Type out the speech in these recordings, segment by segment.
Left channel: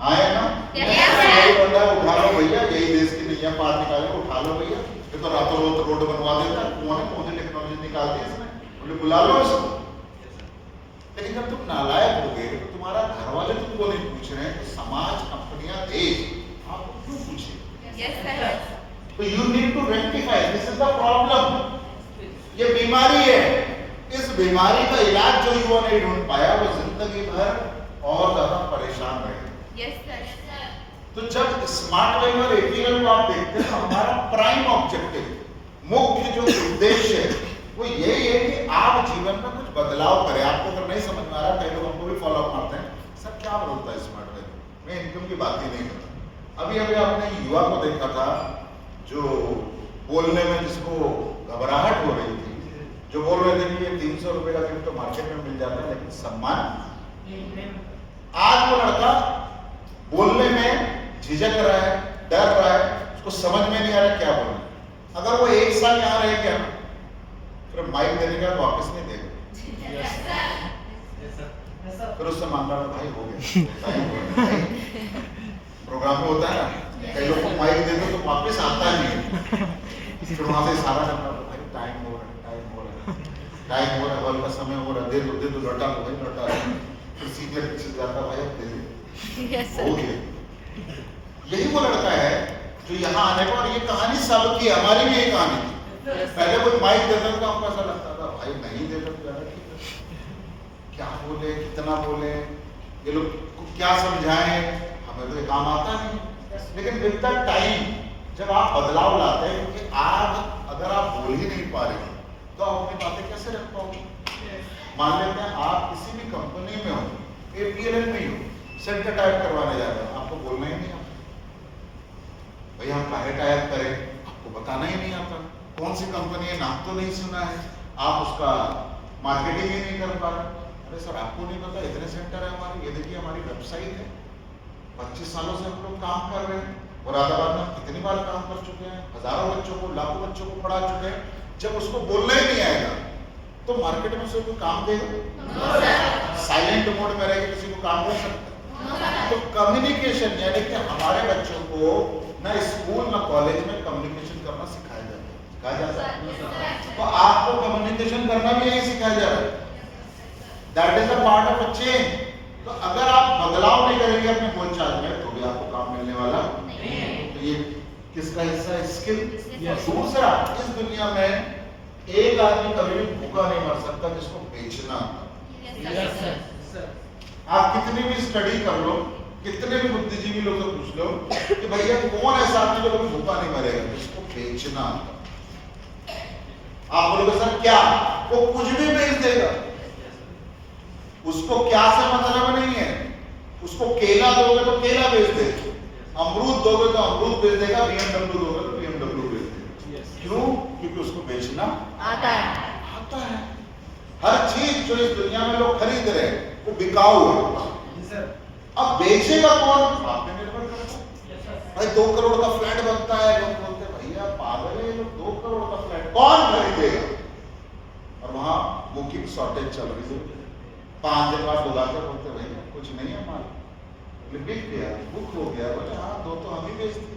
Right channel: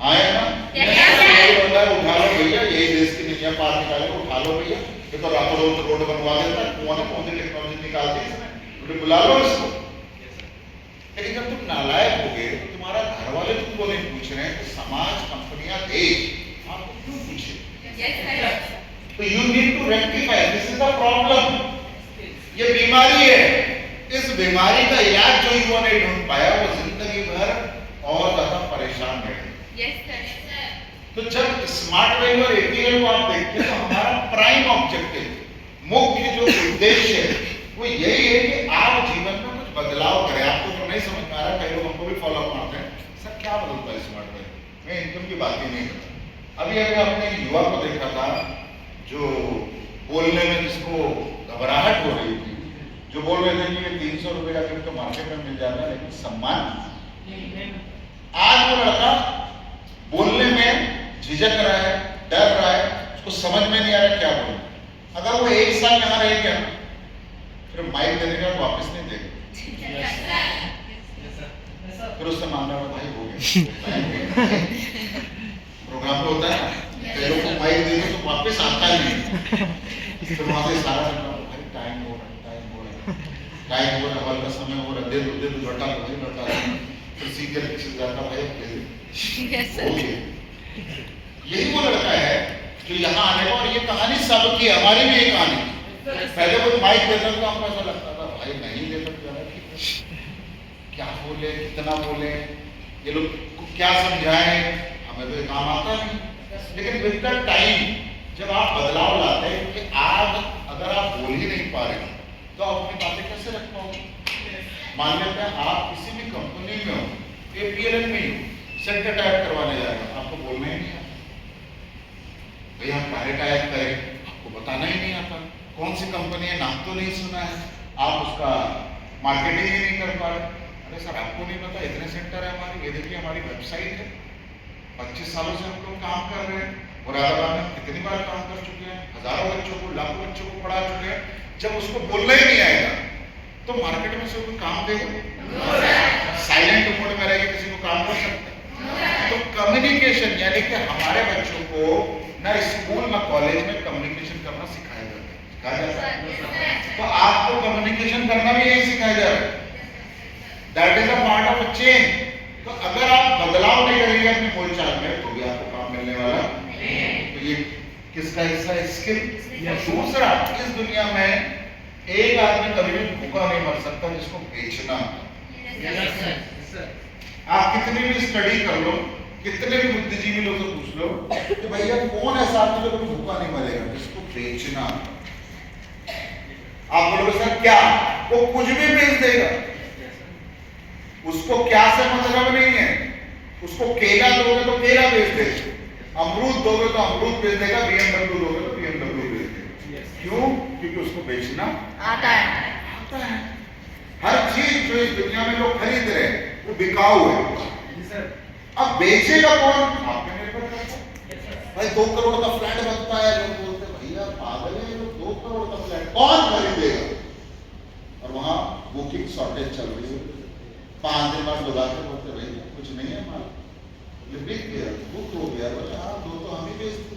हाँ या ना? यही बंदा है, उठा लो भैया, यही देश की नैया पार निकाले, उठा लो भैया। ये तो रातों रात रोड बनवा देता है, कौन सी टेक्नोलॉजी निकालती है इसमें, बोले बुला लो इसको। लेकिन जब तुम नालायक हो गए तो तुम्हारा घर वाले तुमको नहीं पूछ रहे हैं, तो समाज, कंपनियां, देश आपको क्यों पूछे? तो you need to rectify, this is the problem. ये बीमारी है, इस बीमारी का इलाज जो युवा नहीं ढूंढ पाया वो जिंदगी भर और ज्यादा परेशान रहे। तो जब स्मार्ट वैल्यू और एथिकल को आप देखते हैं तो हमारा प्राइम ऑब्जेक्टिव, मुख्य जो उद्देश्य है वो यही है कि आप जीवन में कुछ बदलाव करें। आपको अगर नहीं समझ में आ रहा है, कई लोग हमको भी फॉलो अप मारते हैं, सर क्या बदलता है स्मार्ट वैल्यू, मैं इनकम की बात ही नहीं करता। अभी अभी आपने एक युवा को देखा था जो बोलने में जिसको घबराहट हो रही थी, जो बोल रहे थे कि ये 300 रुपए का गिफ्ट तो मार्केट में मिल जाता है लेकिन सम्मान। आज वो लड़का बोलने में झिझक रहा है, डर रहा है, उसको समझ में नहीं आ रहा क्या बोलना। अगर वो एक साल यहाँ रह गया ना, फिर माइक देने का वापस नहीं देगा, फिर उससे मांगना भाई हो गया। प्रोग्राम में होता है ना, कई लोग को माइक देते तो वापस आता नहीं, फिर वहां से इशारा करना भाई टाइम हो रहा है, टाइम हो रहा है, टाइम हो रहा है, हॉल का समय हो रहा है, दे दो लौटा दो भाई, लौटा दो। फिर सीनियर पीछे जाता भाई हो गया। यही वो लड़का है जो यहाँ आने का, और ये कहानी सबकी, हमारी भी ये कहानी। पहले कोई माइक देता था हमको ऐसा लगता था भाई नहीं देता क्या बोले, कितना बोले, ये लोग को क्या समझाएं, हमें तो ये काम आता नहीं। लेकिन विद द टाइम जब आप बदलाव लाते हैं, क्योंकि आप अगर आप बोल ही नहीं पा रहे तो आप अपनी बातें कैसे रख पाओगे। मान लेते हैं आप किसी भी कंपनी में हो, APLN में ही हो, सेंटर टाइप करवाने जा रहे हो, आपको बोलना ही नहीं आता भैया हम काहे टाइप करें, आपको बताना ही नहीं आता। कौन सी कंपनी है नाम तो नहीं सुना है, आप उसका मार्केटिंग ही नहीं कर पा रहे। अरे सर आपको नहीं पता, इतने सेंटर है हमारे, ये देखिए हमारी वेबसाइट है, 25 सालों से हम लोग काम कर रहे हैं, मुरादाबाद में कितनी बार काम कर चुके हैं, हजारों बच्चों को, लाखों बच्चों को पढ़ा चुके हैं। जब उसको बोलना ही नहीं आएगा तो मार्केट में से कोई काम देगा? साइलेंट मोड में रहेगा, किसी को काम कर सकते? तो कम्युनिकेशन, यानी कि हमारे बच्चों को ना स्कूल ना कॉलेज में कम्युनिकेशन करना सिखाया जाता है, तो आपको कम्युनिकेशन करना भी यही सिखाया जा रहा है। That is a part of a change. तो अगर आप बदलाव नहीं करेंगे अपने बोलचाल में तो भी आपको काम मिलने वाला नहीं। तो ये किसका हिस्सा है? स्किल। दूसरा, इस दुनिया में एक आदमी कभी भी भूखा नहीं मर सकता जिसको बेचना। आप कितनी भी स्टडी कर लो, कितने भी बुद्धिजीवी लोग से पूछ लो कि भैया कौन ऐसा आदमी जो कभी भूखा नहीं मरेगा, जिसको बेचना। आप बोलोगे सर क्या, वो कुछ भी बेच देगा, उसको क्या से मतलब नहीं है। उसको केला दोगे तो केला बेच देगा, अमरूद दोगे तो अमरूद बेच देगा, BMW दोगे तो BMW बेच देगा। क्यों? क्योंकि उसको बेचना आता है। हर चीज जो इस दुनिया में लोग खरीद रहे हैं वो बिकाऊ है। अब बेचेगा कौन? आप पे निर्भर करता है। भाई 2 करोड़ का फ्लैट बनता है, लोग बोलते हैं भैया पागल है, 2 करोड़ का फ्लैट कौन खरीदेगा? और वहां बुकिंग शॉर्टेज चल रही है, 5 दिन बाद बुलाकर बोलते भैया कुछ नहीं है माल, ये बिक गया, बुक हो गया। बोले हाँ 2 तो हम ही बेचते।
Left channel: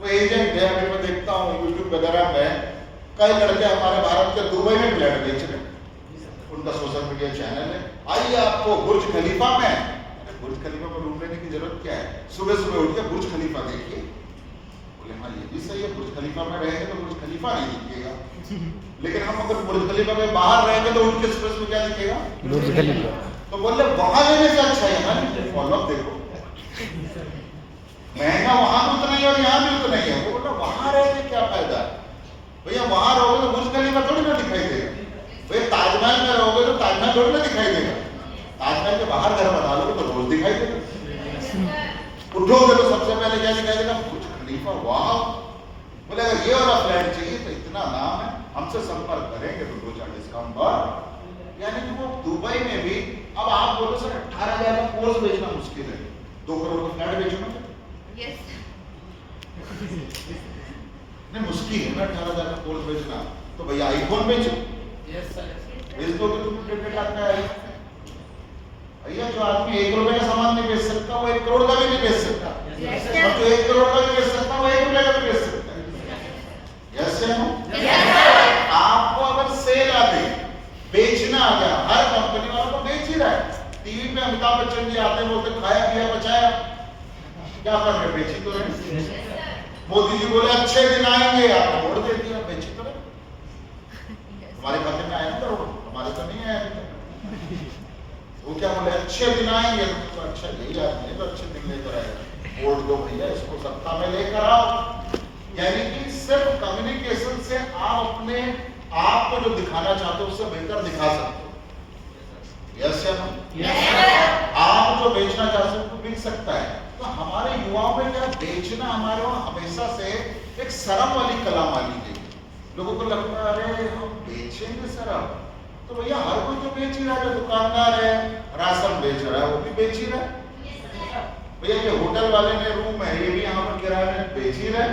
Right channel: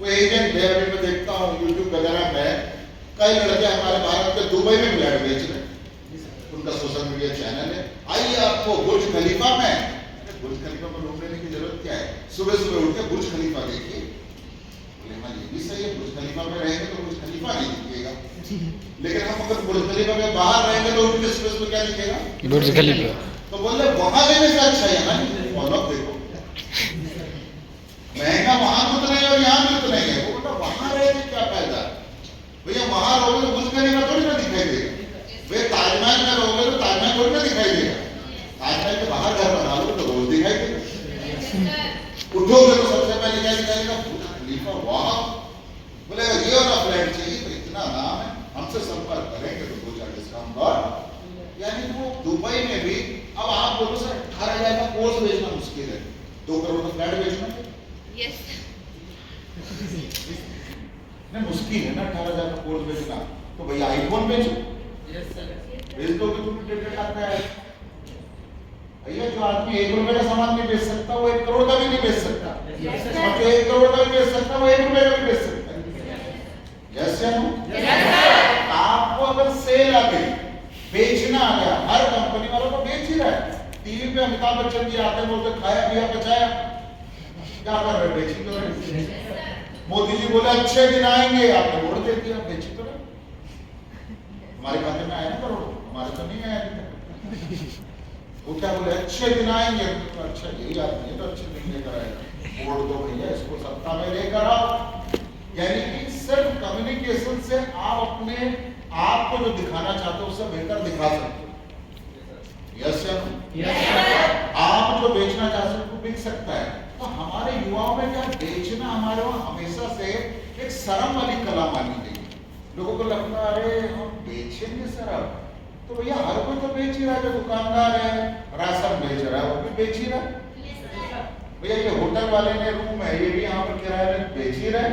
वो एजेंट है, अभी मैं देखता हूँ यूट्यूब वगैरह में कई लड़के हमारे भारत के दुबई में फ्लैट बेच रहे, उनका सोशल मीडिया चैनल है। आइए आपको बुर्ज खलीफा में, बुर्ज खलीफा में रूम लेने की जरूरत क्या है, सुबह सुबह उठ के बुर्ज खलीफा देखिए। बोले हाँ ये भी सही है, बुर्ज खलीफा में रहेंगे तो बुर्ज खलीफा नहीं दिखेगा, लेकिन हम अगर बुर्ज खलीफा के बाहर रहेंगे तो उठ के सुबह सुबह क्या दिखेगा? बुर्ज खलीफा। तो बोले वहां लेने से अच्छा है फॉलो देखो, महंगा वहां भी उतना ही और यहाँ भी उतना ही है। वो बोला वहां रह के क्या फायदा है भैया, वहां रहोगे तो बुर्ज खलीफा थोड़ी ना दिखाई देगा। भैया ताजमहल में रहोगे तो ताजमहल थोड़ी ना दिखाई देगा, ताजमहल के बाहर घर बना लो तो रोज दिखाई देगा। उठोगे तो सबसे पहले क्या दिखाई देगा? बुर्ज खलीफा। वाह, बोले ये वाला फ्लैट चाहिए तो इतना नाम है, हमसे संपर्क करेंगे तो 2-4 डिस्काउंट और। यानी कि वो दुबई में भी, अब आप बोलो सर 18,000 का कोर्स बेचना मुश्किल है, 2 करोड़ का फ्लैट बेचना नहीं मुश्किल है ना, 18,000 का कोर्स बेचना। तो भैया आईफोन बेचो, बेच दोगे तुम 1.5 लाख का है। भैया जो आदमी 1 रुपए का सामान नहीं बेच सकता वो करोड़ का भी नहीं बेच सकता, और जो 1 करोड़ का भी बेच सकता है वो 1 रुपए का भी बेच सकता है। जैसे हम आपको अगर सेल आ गई, बेचना आ गया, हर कंपनी वालों को बेच ही रहा है। टीवी पे अमिताभ बच्चन जी आते हैं, बोलते खाया पिया बचाया, क्या कर रहे, बेची तो रहे। मोदी जी बोले अच्छे दिन आएंगे, आपने वोट दे दिया, बेची तो रहे। हमारे खाते में आए ना करोड़, हमारे तो नहीं आए अभी तक। वो क्या बोले अच्छे दिन आएंगे, तो अच्छा यही आदमी तो अच्छे दिन लेकर आएगा, वोट दो भैया, इसको सत्ता में लेकर आओ। यानी कि सिर्फ कम्युनिकेशन से आप अपने आप को जो दिखाना चाहते हो उससे बेहतर दिखा सकते हो। यस या नो? आप जो बेचना चाहते हो बिक सकता है। तो हमारे युवाओं में क्या बेचना हमारे वहां हमेशा से एक शर्म वाली कला मानी गई। लोगों को लगता है अरे हम बेचेंगे शराब, तो भैया हर कोई तो बेच ही रहा है, जो दुकानदार है राशन बेच रहा है वो भी बेच ही रहा है। भैया ये होटल वाले ने रूम है ये भी यहाँ पर किराए में बेच ही रहा है।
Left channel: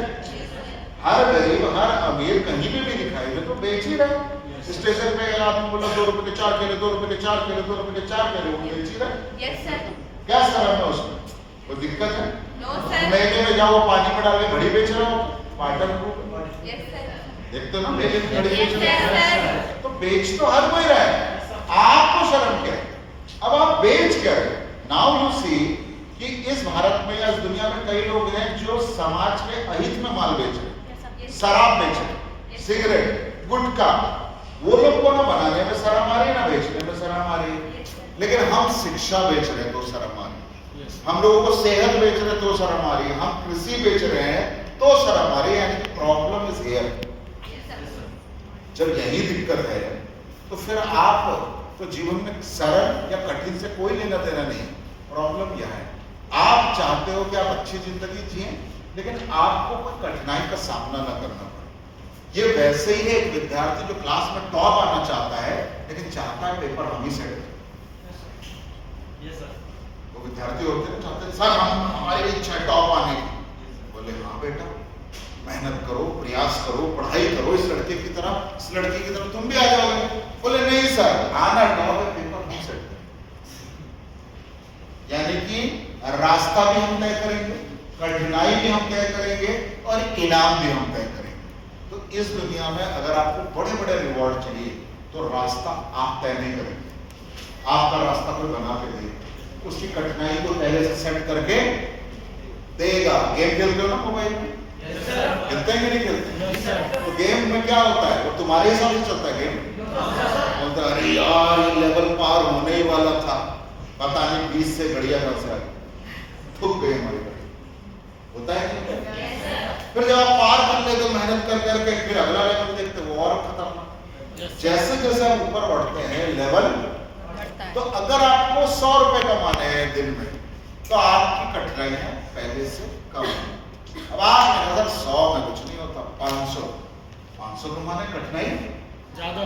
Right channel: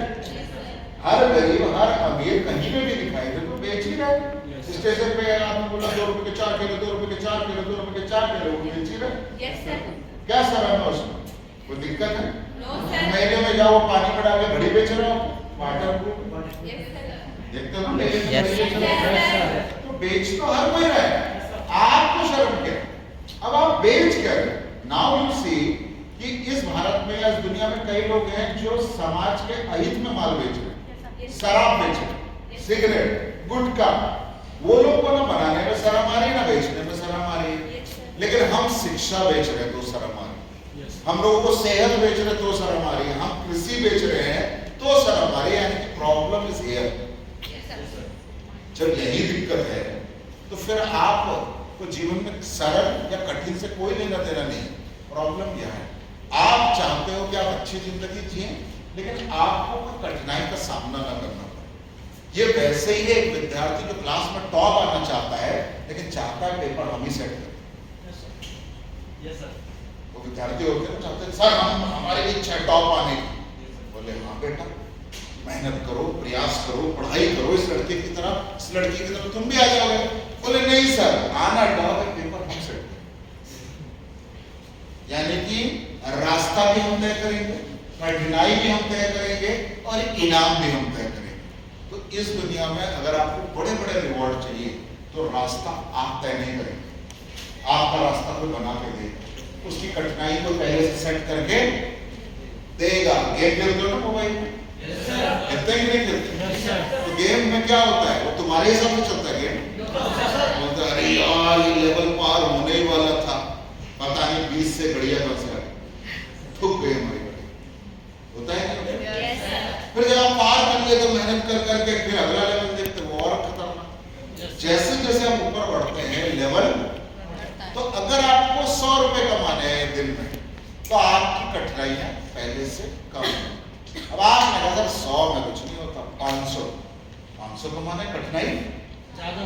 हर गरीब हर अमीर कहीं पे भी दिखाई दे तो बेच ही रहा है। स्टेशन पे गया आपने बोला 2 रुपए के 4 केले, 2 रुपए के 4 केले, 2 रुपए के 4 केले, वो बेच ही रहा है। क्या शर्म है उसमें? कोई दिक्कत है? मेले में जाओ पानी में डाल के घड़ी बेच रहे हो, वाटर प्रूफ देखते हो ना, मेले में घड़ी बेच रहे हो, तो बेच तो हर कोई रहा है, आपको शर्म क्या? अब आप बेच क्या रहे? नाउ यू सी कि इस भारत में या इस दुनिया में कई लोग हैं जो समाज के अहित में माल बेच रहे, शराब बेच रहे, सिगरेट, गुटखा। वो लोग को ना बनाने में शर्म आ रही है ना बेचने में शर्म आ रही है, लेकिन हम शिक्षा बेच रहे हैं तो शर्म आ रही है, हम लोगों को सेहत बेच रहे हैं तो शर्म आ रही है, हम कृषि बेच रहे हैं तो शर्म आ रही है। यानी कि प्रॉब्लम इज हियर। जब यही दिक्कत है तो फिर आप तो जीवन में सरल या कठिन से कोई लेना देना नहीं। प्रॉब्लम यह है आप चाहते हो कि आप अच्छी जिंदगी जिए, लेकिन आपको कोई कठिनाई का सामना ना करना पड़े। ये वैसे ही है एक विद्यार्थी जो क्लास में टॉप आना चाहता है, लेकिन चाहता है पेपर हम ही सेट करें। वो विद्यार्थी होते हैं चाहते हैं सर हम हमारी इच्छा है टॉप आने की। बोले हाँ बेटा मेहनत करो, प्रयास करो, पढ़ाई करो इस लड़के की तरह, इस लड़की की तरह तुम भी आ जाओगे। बोले नहीं सर आना टॉप है, पेपर हम सेट करें। यानी कि रास्ता भी हम तय करेंगे, कठिनाई भी हम तय करेंगे और इनाम भी हम तय करेंगे। तो इस दुनिया में अगर आपको बड़े बड़े रिवॉर्ड चाहिए तो रास्ता आप तय नहीं करेंगे, आपका रास्ता कोई बना के देगा, उसकी कठिनाई को पहले से सेट करके देगा। गेम खेलते हो ना मोबाइल में, खेलते हैं कि नहीं खेलते? तो गेम में क्या होता है, वो तुम्हारे हिसाब से चलता है गेम। बोलता अरे यार ये लेवल पार होने ही वाला था, पता नहीं 20 से घड़िया कब से आ गई, ठुक गई हमारी घड़ी। होता है क्या? फिर जब आप पार कर ले तो मेहनत कर करके फिर अगला लेवल देखते वो और खतरनाक। जैसे जैसे हम ऊपर बढ़ते हैं लेवल, तो अगर आपको 100 रुपए कमाने हैं दिन में तो आपकी कठिनाइयां पहले से कम है। अब आपने कहा सर 100 में कुछ नहीं होता, 500 कमाने कठिनाई ज्यादा।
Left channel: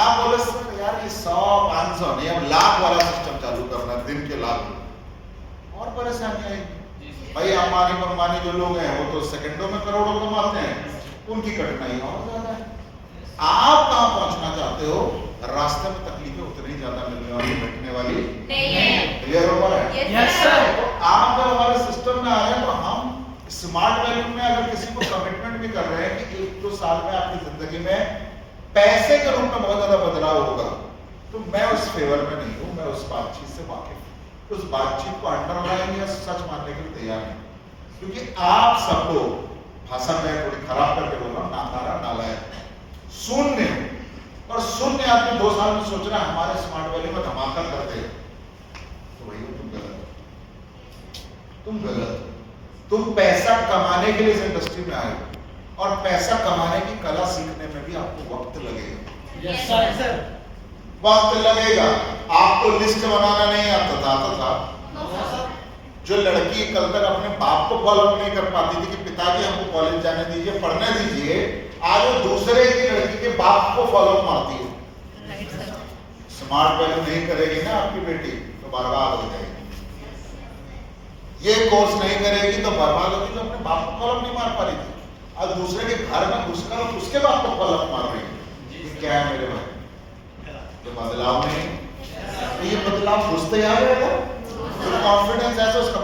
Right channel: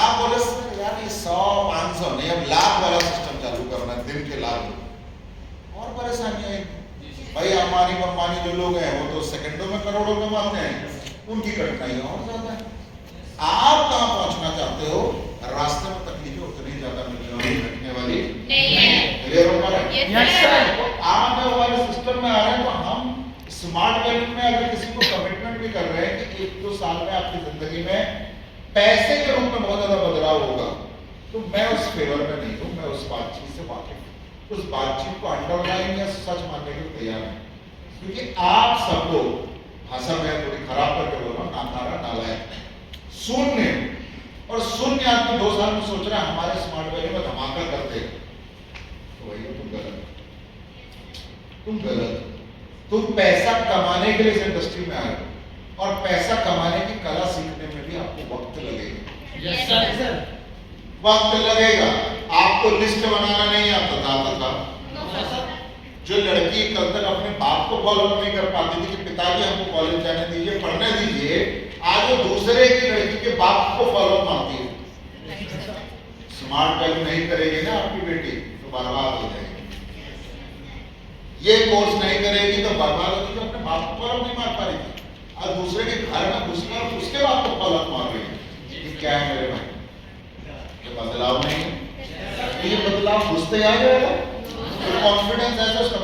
आप बोले सर यार ये 100 500 नहीं, अब लाख वाला सिस्टम चालू करना है, दिन के लाख रुपए और परेशानी आएगी। भाई अंबानी जो लोग हैं वो तो सेकंडों में करोड़ों कमाते हैं, उनकी कठिनाई और ज्यादा है। आप कहां पहुंचना चाहते हो? रास्ते में तकलीफें उतनी ज्यादा मिलने वाली घटने वाली नहीं है। क्लियर हो रहा है? Yes sir. तो आप जब हमारे सिस्टम में आ रहे हैं तो हम स्मार्ट वैल्यू में अगर किसी को कमिटमेंट भी कर रहे हैं कि 1-2 साल में आपकी जिंदगी में पैसे के रूप में बहुत ज्यादा बदलाव होगा, तो मैं उस फेवर में नहीं हूं, मैं उस बातचीत से वाकिफ हूं, उस बातचीत को अंडरलाइन या सच मानने के लिए तैयार नहीं। क्योंकि आप सब लोग, भाषा में थोड़ी खराब करके बोल रहा हूं, नाकारा नालायक शून्य, और शून्य आदमी 2 साल में सोच रहा है हमारे स्मार्ट वैल्यू में धमाका कर देगा, तो वही तुम गलत हो। तुम पैसा कमाने के लिए इस इंडस्ट्री में आए हो और पैसा कमाने की कला सीखने में भी आपको वक्त लगेगा। Yes sir. वक्त लगेगा। आपको लिस्ट बनाना नहीं आता था। जो लड़की कल तक अपने बाप को फॉलो नहीं कर पाती थी कि पिताजी हमको कॉलेज जाने दीजिए, पढ़ने दीजिए, आज वो दूसरे की लड़की के बाप को फॉलो मारती है। स्मार्ट वैल्यू नहीं करेगी ना आपकी बेटी तो बर्बाद हो जाएगी। ये कोर्स नहीं करेगी तो बर्बाद होगी। तो अपने बाप को फॉलो नहीं मार पा रही थी, आज दूसरे के घर में घुसकर उसके बाप को फॉलो मार रही है। ये क्या है मेरे भाई? ये बदलाव नहीं। तो ये बदलाव घुसते आ जाएगा तो